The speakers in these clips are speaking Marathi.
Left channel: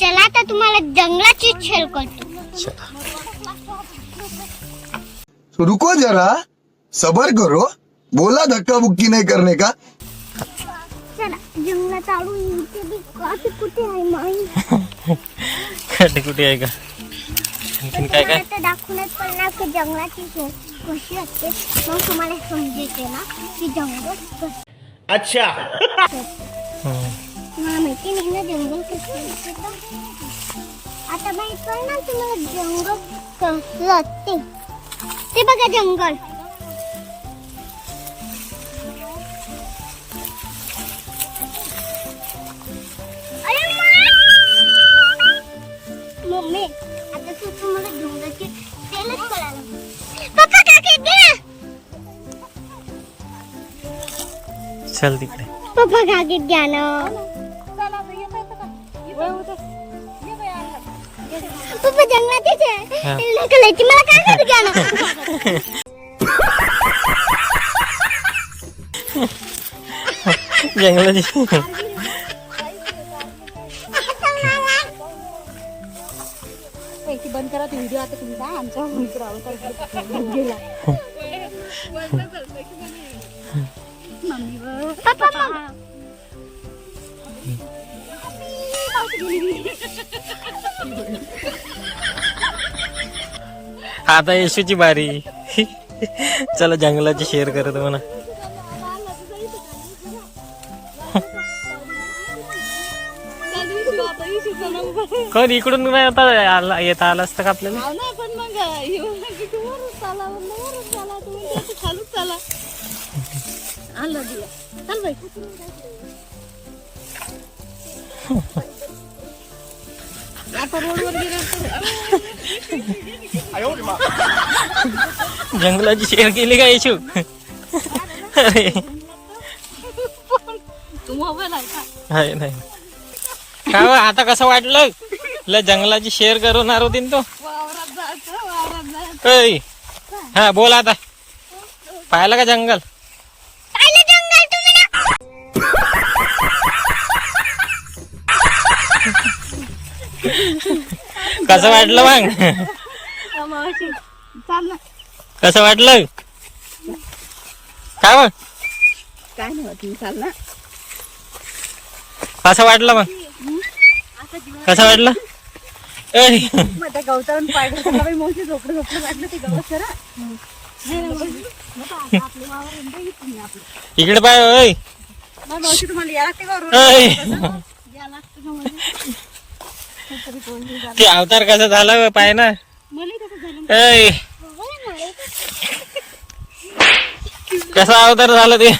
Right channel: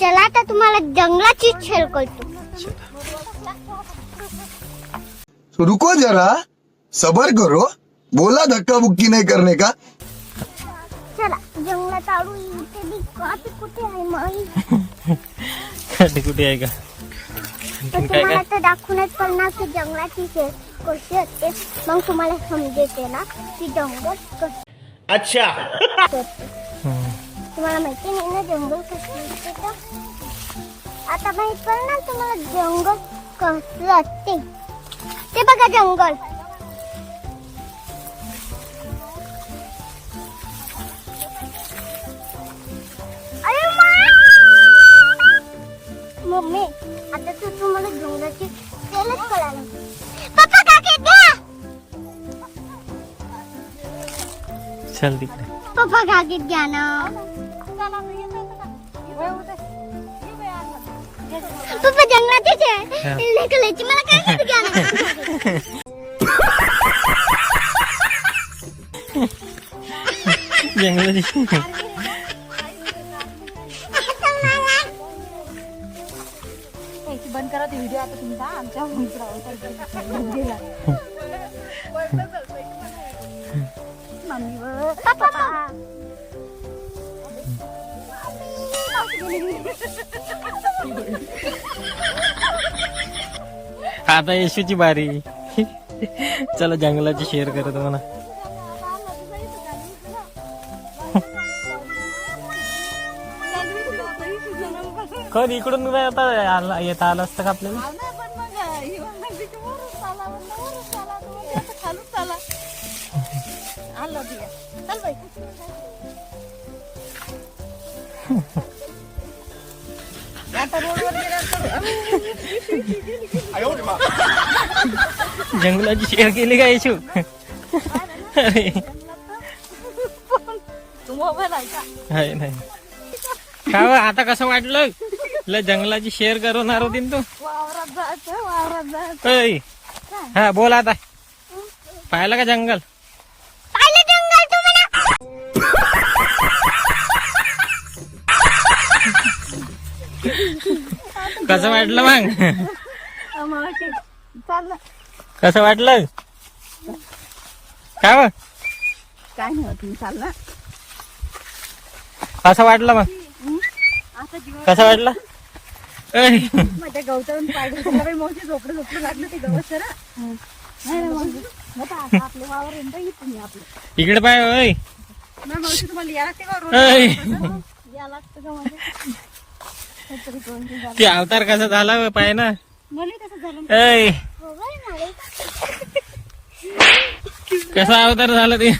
चला तर तुम्हाला जंगलाची खेळ करतो. रुको जरा, सबर करो. बोला धक्का बुक्की नहीं करने का. चला जंगलात आडू इथे बी काठी कुठे आहे माई. कुठे आहे का? तर तुम्हाला तर दाखवूनच पडणार की जंगलाची खेळ कशी असते. मग तुम्हाला समजेल ना की जंगल कसं. अच्छा. तुम्हाला माहिती नाही ना जंगल कसं असते तर. आता माहित पडणार तुम्हाला जंगल कसं असते. ते बघा जंगल. अरे मम्मी आता तर तुम्हाला जंगलाची खेळच कळालं. पप्पा काकी द्या. चल तिकडे. पप्पा काकी द्या ना. पप्पा जंगलातच आहे. निघालायची मला काय नाही द्या ना. जंगलाची बंद करा व्हिडिओ आता तुमचा आमच्या पप्पा आता येशूची बारी. चला जंगलाची शेअर करत म्हणा. कोण इकडून नाही आता येता आलं असतं का आपल्याला. जंगलाची शेअर केली का येशू. अरे आहे नाही का हो, आता कसं वाटलं जंगलाची शेअर करणार होती ना तो. हा बोल आता. पाहिलं का जंगल. पाहिलं जंगल तुम्ही ना. कसं वाटलं मग. कसं वाटलं काय मग. काय नाही चाल ना. कसं वाटलं मग. कसं वाटलं. त्या गवतावरून पाहिजे मोठी झोपडं झोपडं वाटलं ते गवत जरा. इकडे पाय. ओय मावशी तुम्हाला या लागते का ओय. या लागतं का म्हणजे ते अवतार कसा झाला पाय ना. मला कसं झालं. ओय कसा अवतार झाला ते.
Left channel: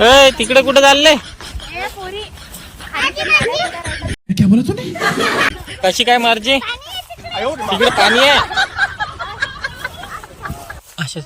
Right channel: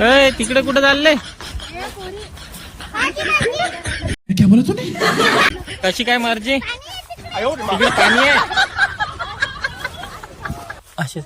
ओय तिकडे कुठं चालले. क्या बोला तूने? कशी काय मर्जी. इकडे पाणी आहे. असे